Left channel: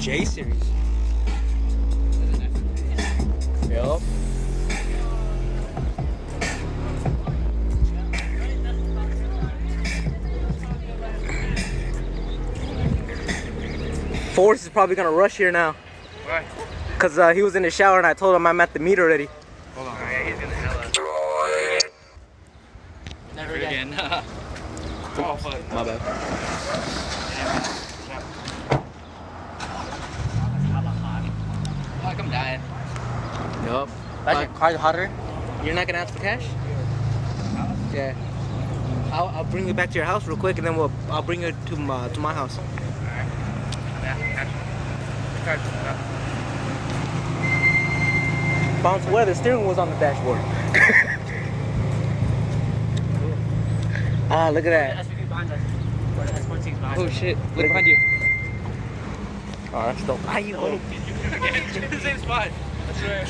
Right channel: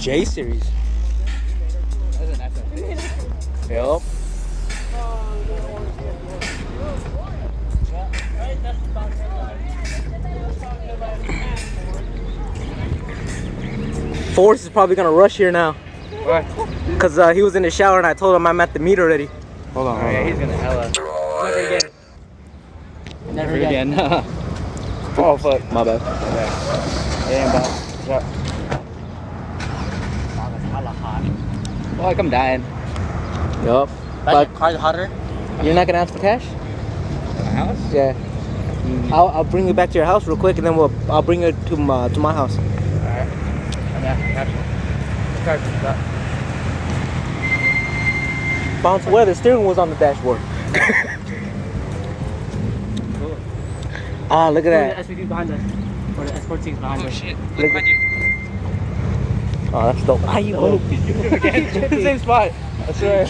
J series. Yup. Forrest is probably gonna rush here now. Why? Cause he was in the shower and I told him I'm at the meet already. Hold on. Oh, yeah, he's gonna hella. Never again. Oh fuck. My bad. Damn, bro. Oh, like I'm dying. Yup. Like car's hotter. You're not gonna ask for cash? My house? Yeah. I'll bring you back to your house real quick and then I'll bring you to my house. Alright. I'm asking cash. Bounce where the steering wheel's on the dashboard. Ah, look at that. The SUV behind us. Or the S14 behind us. Oh shit. Look behind you. Oh, that's dope. Ah, you The same spot. I swear.